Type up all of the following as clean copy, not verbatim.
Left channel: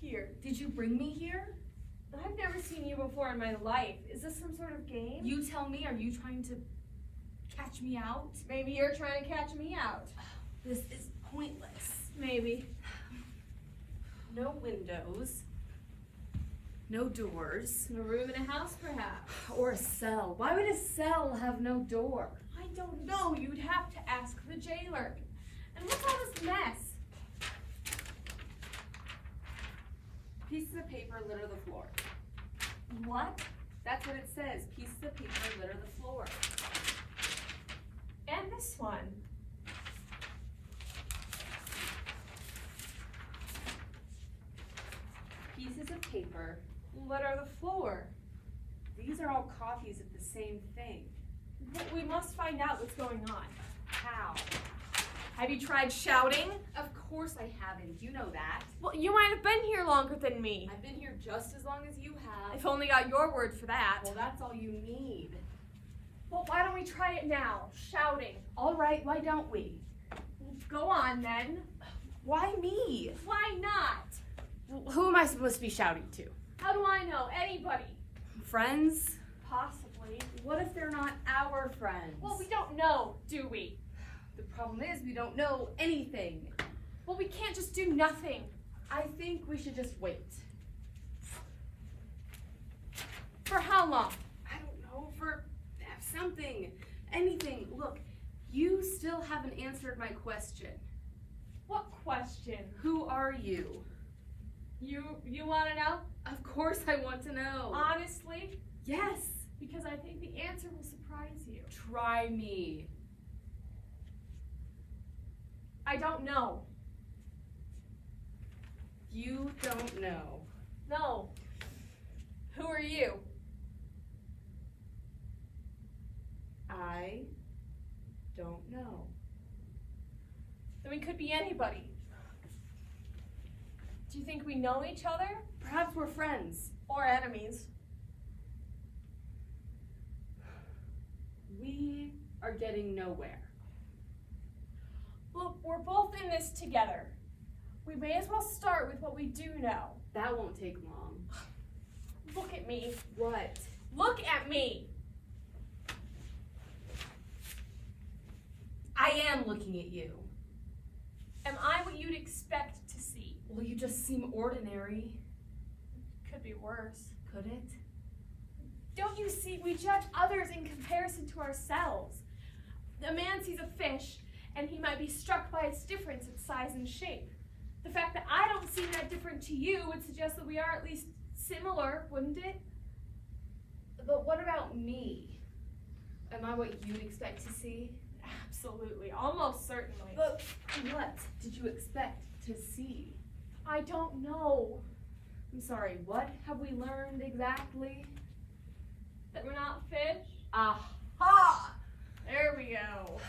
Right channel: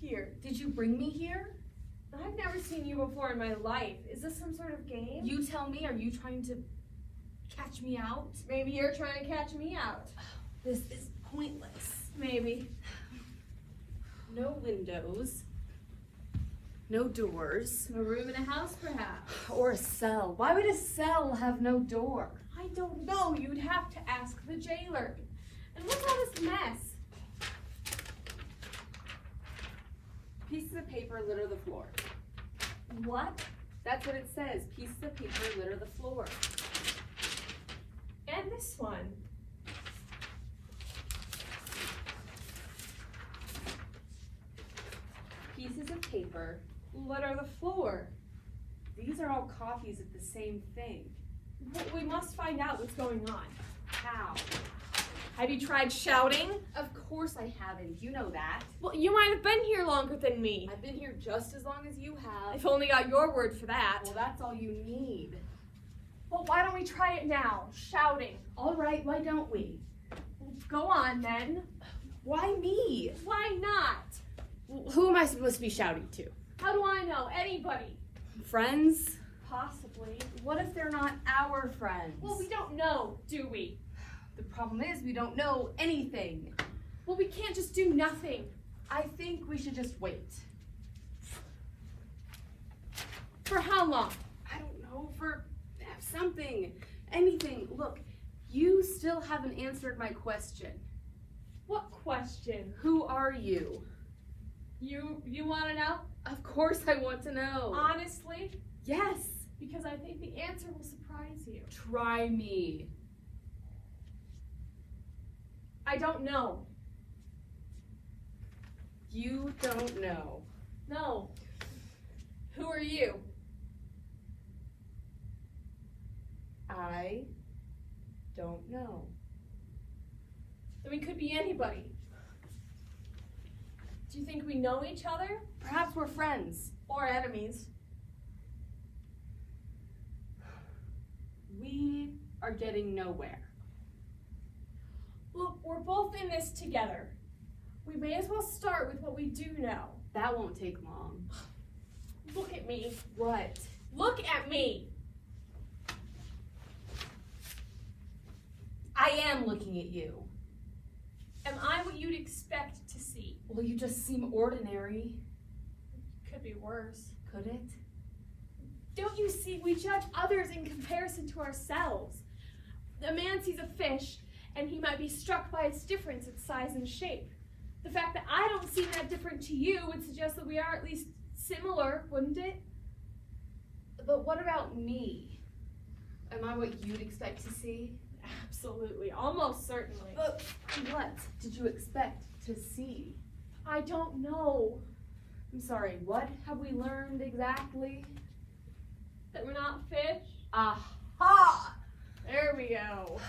here? Did you bring me here? I've never seen you before in my life. Is this some sort of game? You tell me, are you trying to catch me out? Maybe you're trying to catch me out. This is pointless. Maybe. No windows. No doors. A room in a house, perhaps. Or a cell. Why would a cell have no door? I don't know. You'd have to ask the jailer. And look at all this mess. Pieces of paper litter the floor. What? That's what it says. Pieces of paper litter the floor. And this one. Pieces of paper Litter the floor. These are all copies of the same thing. But we must find out what's going on. How? Have you tried shouting? Of course I haven't. You know that. Well, you might have been here longer than me. I've been here just as long as you have. I've only got your word for that. Well, that's all you need. Well, why don't we try it now? Shouting. All right, why don't we? Well, go on then. Why me? Why not? Who am I supposed to be shouting to? How do I know? Anybody. Friends? Possibly. What if they're not our friends? Well, we don't know, do we? The problem is we don't know anything. Well, we can't just do nothing. I think we should just wait. For how long? I don't know, for something, anything. Look, you still haven't answered my question. What question? Who are you? You want to know? Of course I want to know. Honestly? Yes. Because I think the answer will surprise you. Try me. I don't know. You don't know. No. Who are you? I don't know. Then we could be anybody. Do you think we know each other? Perhaps we're friends. Or enemies? We are getting nowhere. Look, we're both in this together. We may as well start with what we do know. That won't take long. Look at me. What? Look at me. I am looking at you. Am I what you'd expect to see? Well, you just seem ordinary. Could be worse. Could it? Don't you see, we judge others in comparison to ourselves. A man sees a fish, and he might be struck by its difference in size and shape. The fact that I don't seem that different to you would suggest that we are at least similar, wouldn't it? But what about me? Am I what you'd expect to see? Absolutely, almost certainly. But what did you expect to see? I don't know. I'm sorry, what have we learned exactly? That we're not fish? Aha! There we go.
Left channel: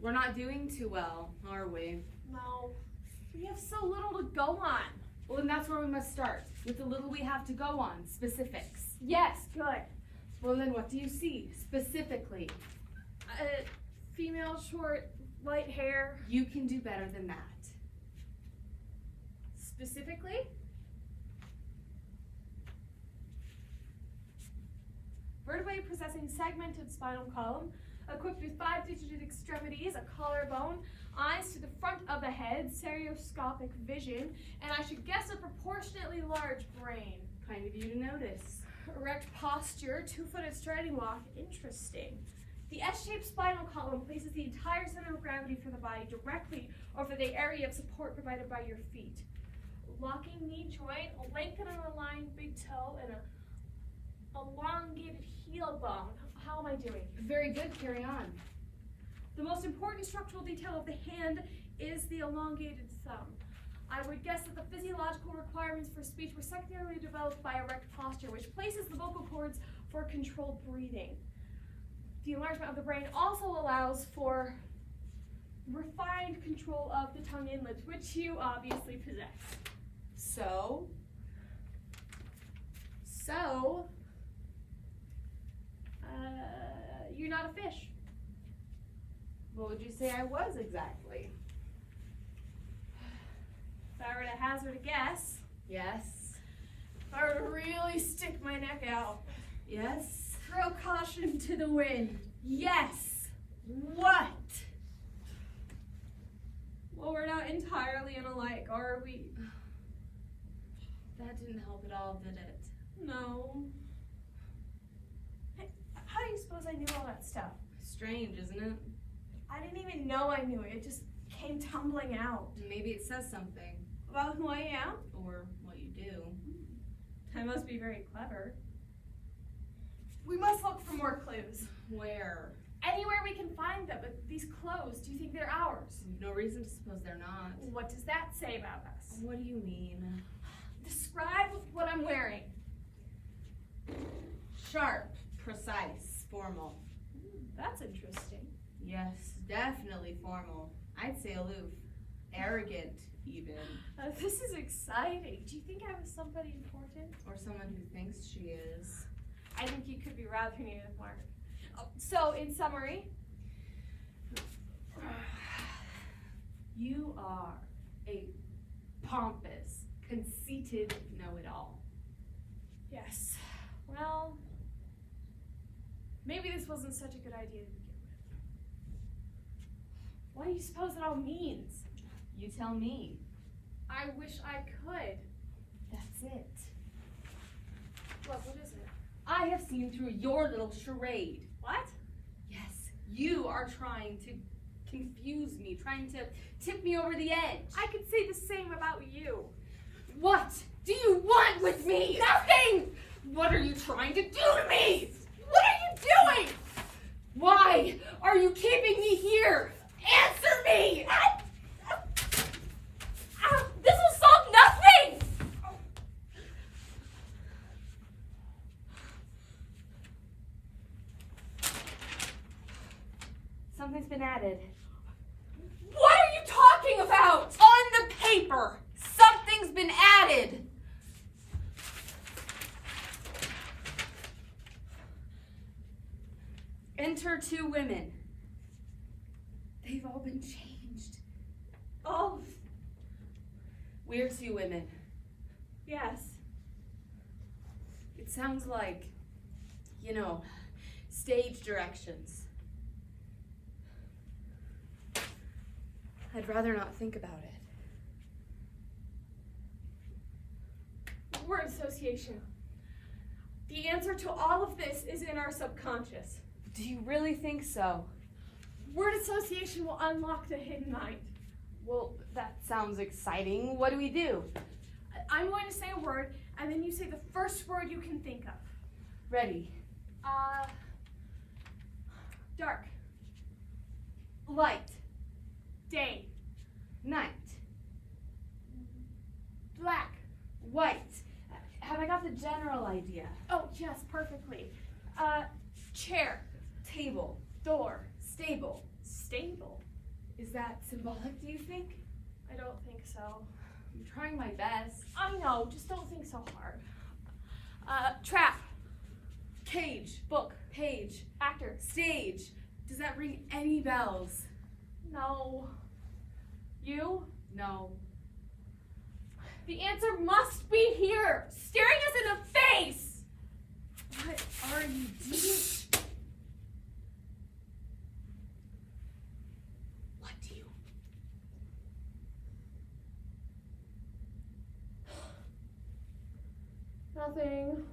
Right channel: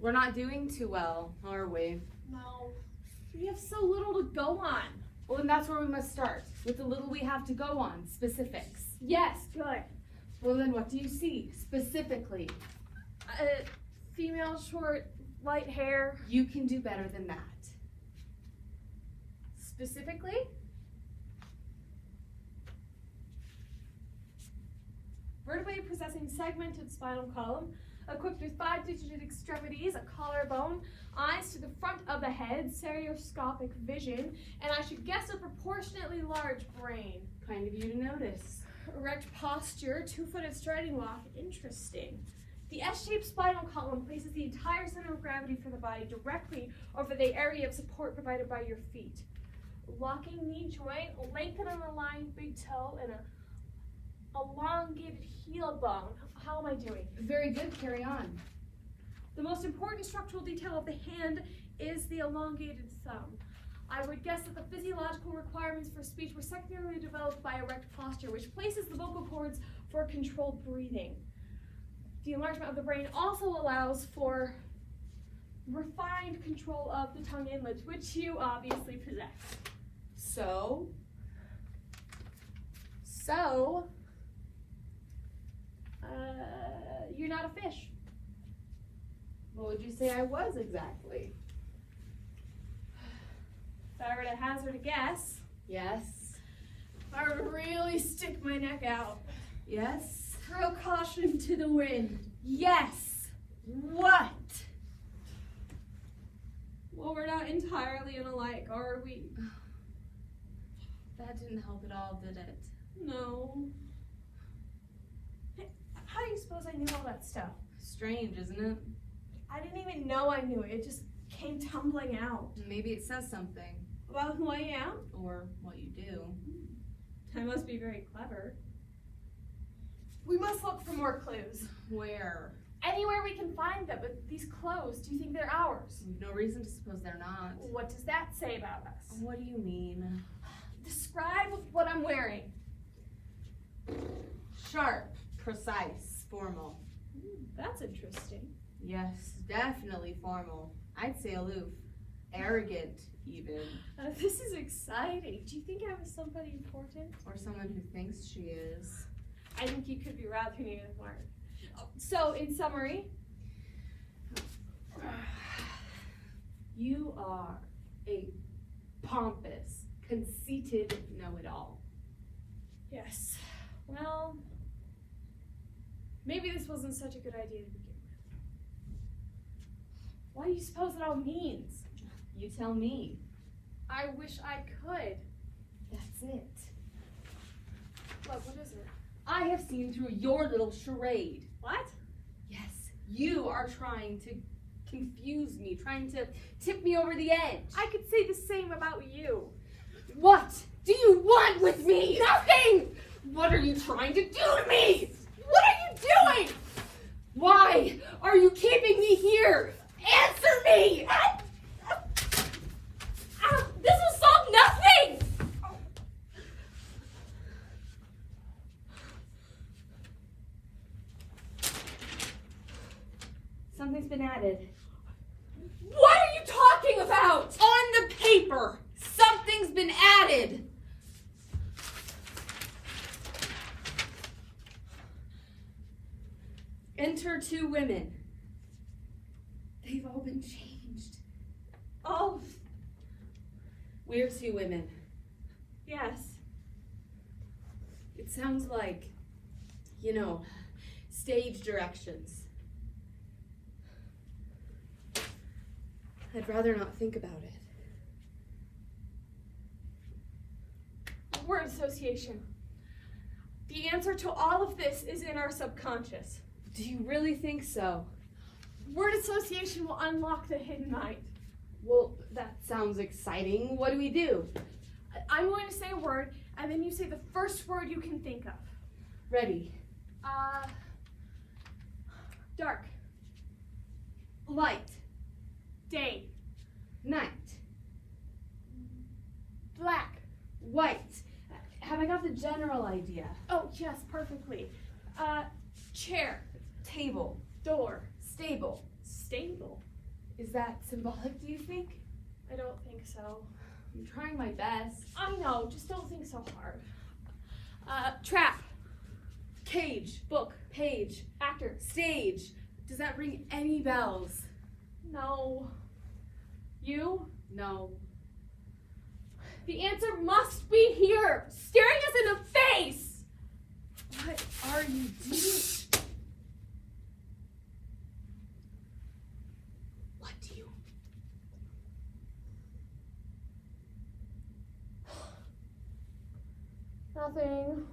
We're not doing too well, are we? No. We have so little to go on. Well, then that's where we must start, with the little we have to go on, specifics. Yes, good. Well, then what do you see, specifically? Female, short, light hair. You can do better than that. Specifically? Vertebrae possessing segmented spinal column, equipped with 5-digit extremities, a collarbone, eyes to the front of the head, stereoscopic vision, and I should guess a proportionately large brain. Kind of you to notice. Erect posture, 2-footed striding walk, interesting. The S-shaped spinal column places the entire center of gravity for the body directly over the area of support provided by your feet. Locking knee joint, lengthen and aligned big toe, and a elongated heel bone. How am I doing? Very good, carry on. The most important structural detail of the hand is the elongated thumb. I would guess that the physiological requirements for speech were secondarily developed by erect posture, which places the vocal cords for controlled breathing. The enlargement of the brain also allows for refined control of the tongue inlets, which you obviously possess. So, you're not a fish. what would you say I was exactly? If I were to hazard a guess, Yes. I really stick my neck out. Yes. Throw caution to the wind. Yes. What? Well, we're not entirely alike, are we? That didn't help at all, did it? No. Hey, how do you suppose I knew all that stuff? Strange, isn't it? I didn't even know I knew it. It just came tumbling out. Maybe it says something. About who I am? Or what you do. I must be very clever. We must look for more clues. Where? Anywhere we can find them, but these clothes, do you think they're ours? No reason to suppose they're not. What does that say about us? What do you mean? Describe what I'm wearing. Sharp, precise, formal. That's interesting. Yes, definitely formal. I'd say aloof. Arrogant, even. This is exciting. Do you think I was somebody important? Or someone who thinks she is. I think you could be rather near Mark. So, in summary, You are a pompous, conceited know-it-all. yes. Well, maybe this wasn't such a good idea to begin with. What do you suppose it all means? You tell me. I wish I could. That's it. Look, what is it? I have seen through your little charade. What? Yes, you are trying to confuse me, trying to tip me over the edge. I could say the same about you. What do you want with me? Nothing! What are you trying to do to me? What are you doing? Why are you keeping me here? Answer me! This will solve nothing! Something's been added. What are you talking about? On the paper, something's been added. Enter two women. They've all been changed. Oh, We're two women. yes. It sounds like, stage directions. I'd rather not think about it. Word association. The answer to all of this is in our subconscious. Do you really think so? Word association will unlock the hidden mind. Well, that sounds exciting. What do we do? I'm going to say a word, and then you say the first word you can think of. Ready. Dark. Light. Day. Night. Black. White. Have I got the general idea? Oh, yes, perfectly. Chair. Table. Door. Stable. Stable. Is that symbolic, do you think? I don't think so. I'm trying my best. I know, just don't think so hard. Trap. Cage. Book. Page. Actor. Stage. Does that ring any bells? No. You? No. The answer must be here, staring us in the face! What are you doing? What do you... Nothing.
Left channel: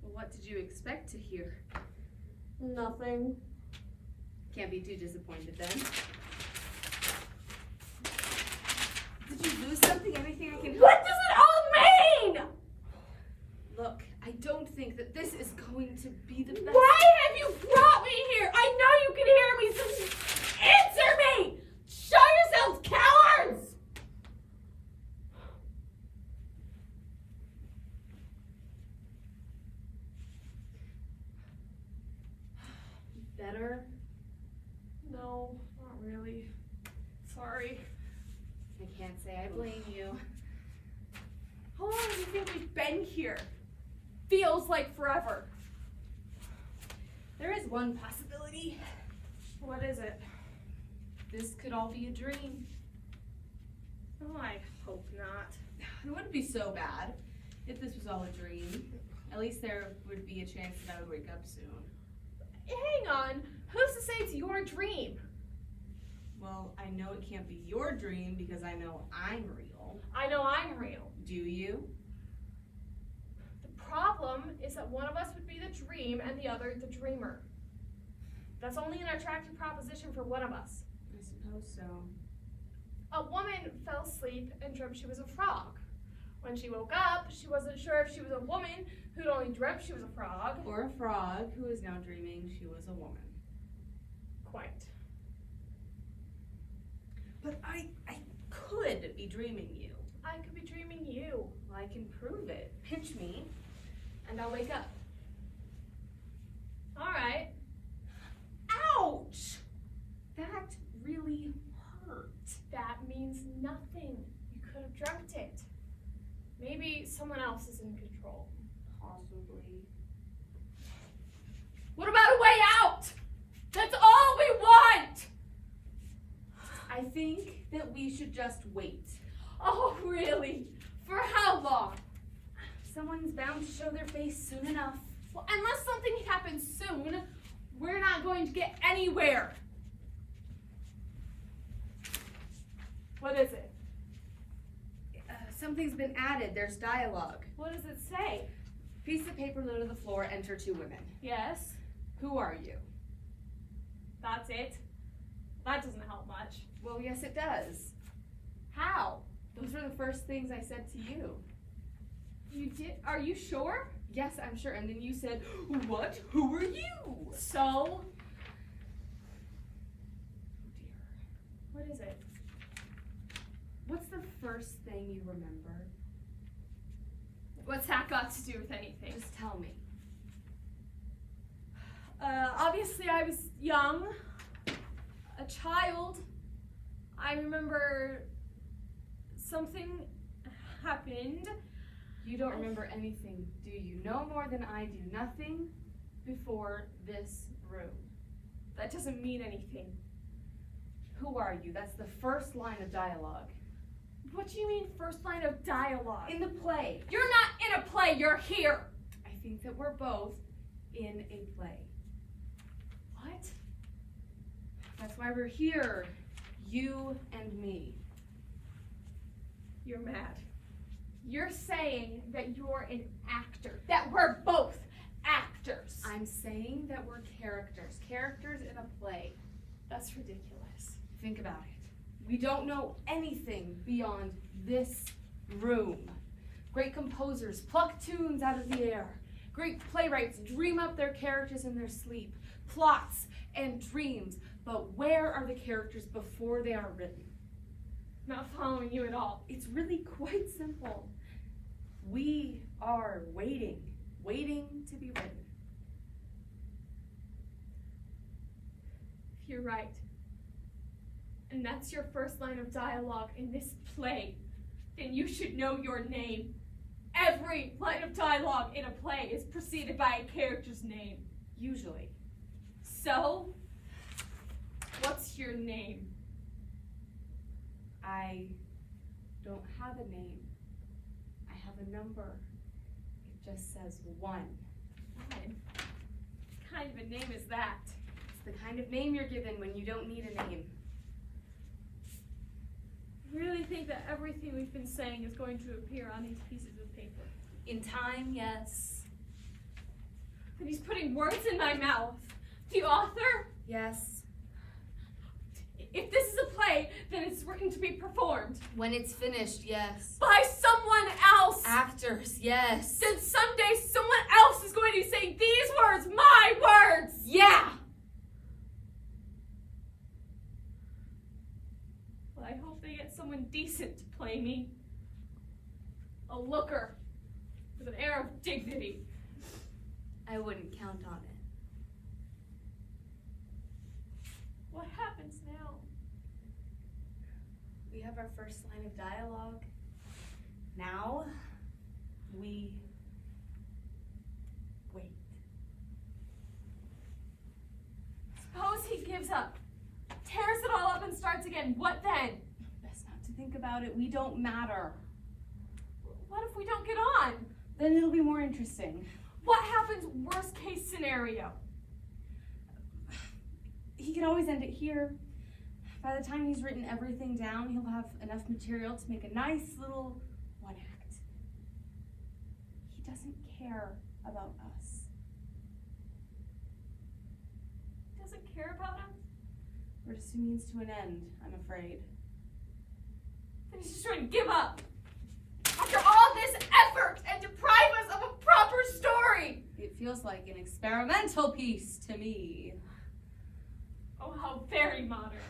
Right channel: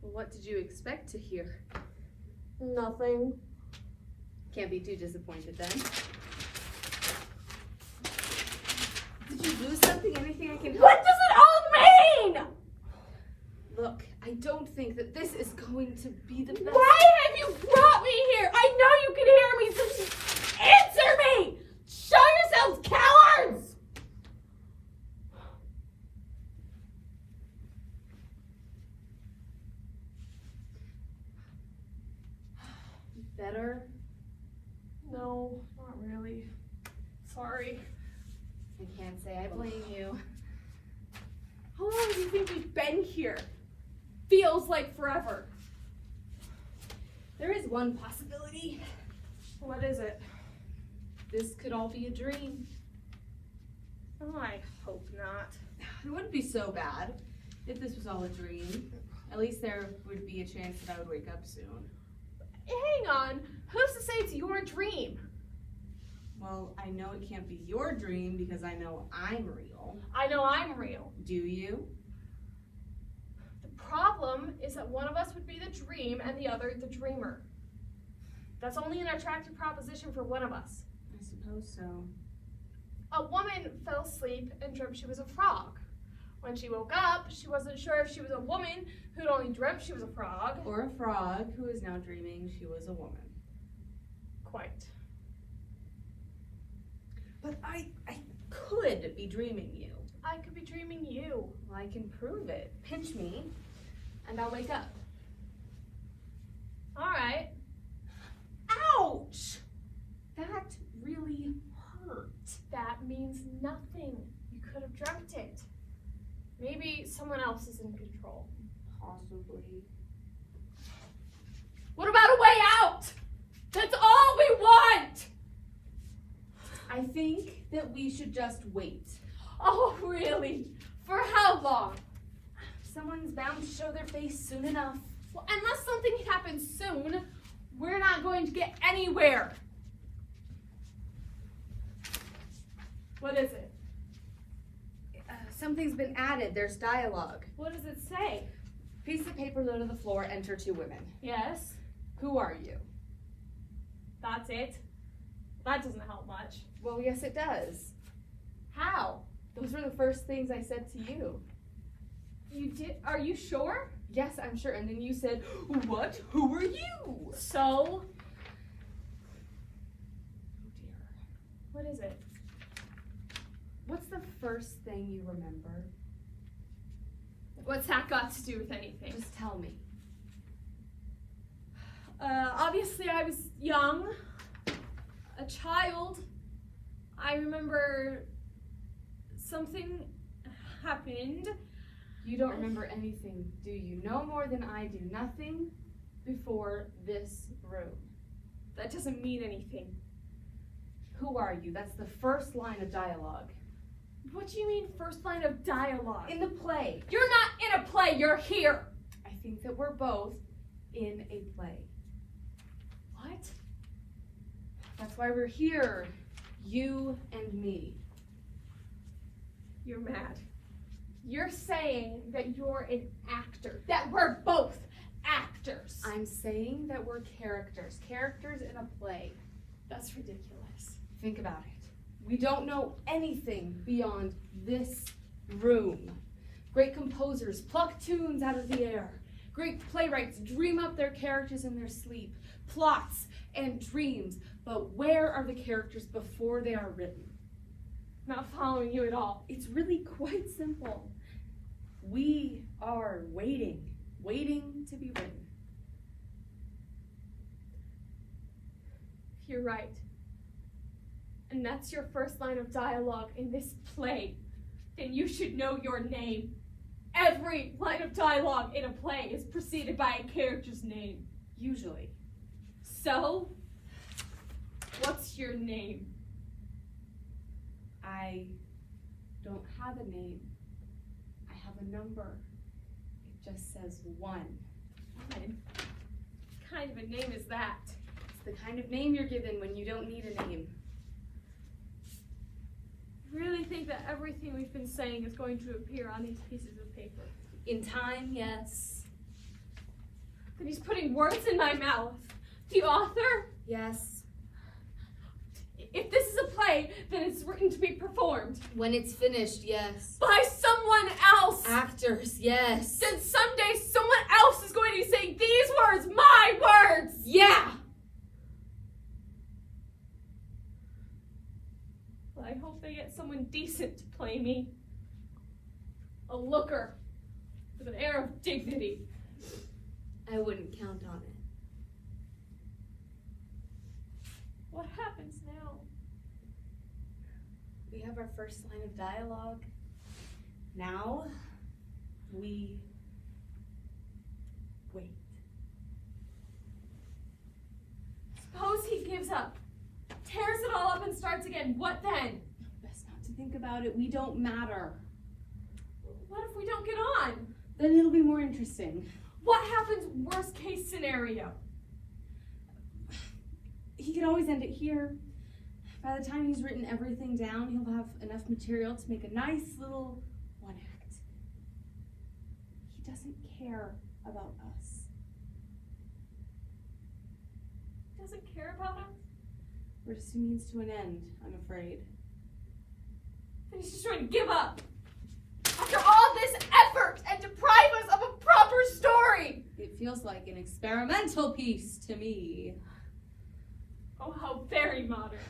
Well, what did you expect to hear? Nothing. Can't be too disappointed then. Did you lose something? Anything I can help? What does it all mean? Look, I don't think that this is going to be the best. Why have you brought me here? I know you can hear me, so answer me! Show yourselves cowards! Better? No, not really. Sorry. I can't say I blame you. How long do you think we've been here? Feels like forever. There is one possibility. What is it? This could all be a dream. Oh, I hope not. It wouldn't be so bad if this was all a dream. At least there would be a chance that I would wake up soon. Hang on, who's to say it's your dream? Well, I know it can't be your dream because I know I'm real. I know I'm real. Do you? The problem is that one of us would be the dream and the other the dreamer. That's only an attractive proposition for one of us. I suppose so. A woman fell asleep and dreamt she was a frog. When she woke up, she wasn't sure if she was a woman who'd only dreamt she was a frog. Or a frog who is now dreaming she was a woman. Quite. But I could be dreaming you. I could be dreaming you. Well, I can prove it. Pinch me, and I'll wake up. All right. Ouch! That really hurt. That means nothing. You could have dreamt it. Maybe someone else is in control. Possibly. What about a way out? That's all we want! I think that we should just wait. Oh, really? For how long? Someone's bound to show their face soon enough. Well, unless something happens soon, we're not going to get anywhere. What is it? Something's been added. There's dialogue. What does it say? Piece of paper low to the floor, enter 2 women. Yes, Who are you? that's it. That doesn't help much. Well, yes, it does. How? Those were the first things I said to you. You did? Are you sure? Yes, I'm sure. And then you said, what? Who are you? So? Oh dear. What is it? What's the first thing you remember? What's that got to do with anything? Just tell me. Obviously I was young, a child. I remember something happened. You don't remember anything, do you? No more than I do. Nothing before this room. That doesn't mean anything. Who are you? That's the first line of dialogue. What do you mean first line of dialogue? In the play. You're not in a play, you're here. I think that we're both in a play. What? That's why we're here. You and me. You're mad. You're saying that you're an actor, that we're both actors. I'm saying that we're characters. Characters in a play. That's ridiculous. Think about it. We don't know anything beyond this room. Great composers pluck tunes out of the air. Great playwrights dream up their characters in their sleep. Plots and dreams. But where are the characters before they are written? Not following you at all. It's really quite simple. We are waiting to be written. You're right. And that's your first line of dialogue in this play. Then you should know your name. Every line of dialogue in a play is preceded by a character's name. Usually. So, what's your name? I don't have a name. I have a number. It just says 1. What kind of a name is that? It's the kind of name you're given when you don't need a name. I really think that everything we've been saying is going to appear on these pieces of paper. In time, yes. But he's putting words in my mouth. The author? Yes. If this is a play, then it's written to be performed. When it's finished, yes. By someone else. Actors, yes. Then someday someone else is going to be saying these words, my words. Yeah. Well, I hope they get someone decent to play me. A looker with an air of dignity. I wouldn't count on it. What happens now? We have our first line of dialogue. Now, we wait. Suppose he gives up, tears it all up and starts again. What then? Best not to think about it. We don't matter. What if we don't get on? Then it'll be more interesting. What happens worst case scenario? He could always end it here. By the time he's written everything down, he'll have enough material to make a nice little one act. He doesn't care about us. Doesn't care about us? We're just a means to an end, I'm afraid. Then he's just trying to give up. After all this effort and deprive us of a proper story! It feels like an experimental piece to me. Oh, how very modern.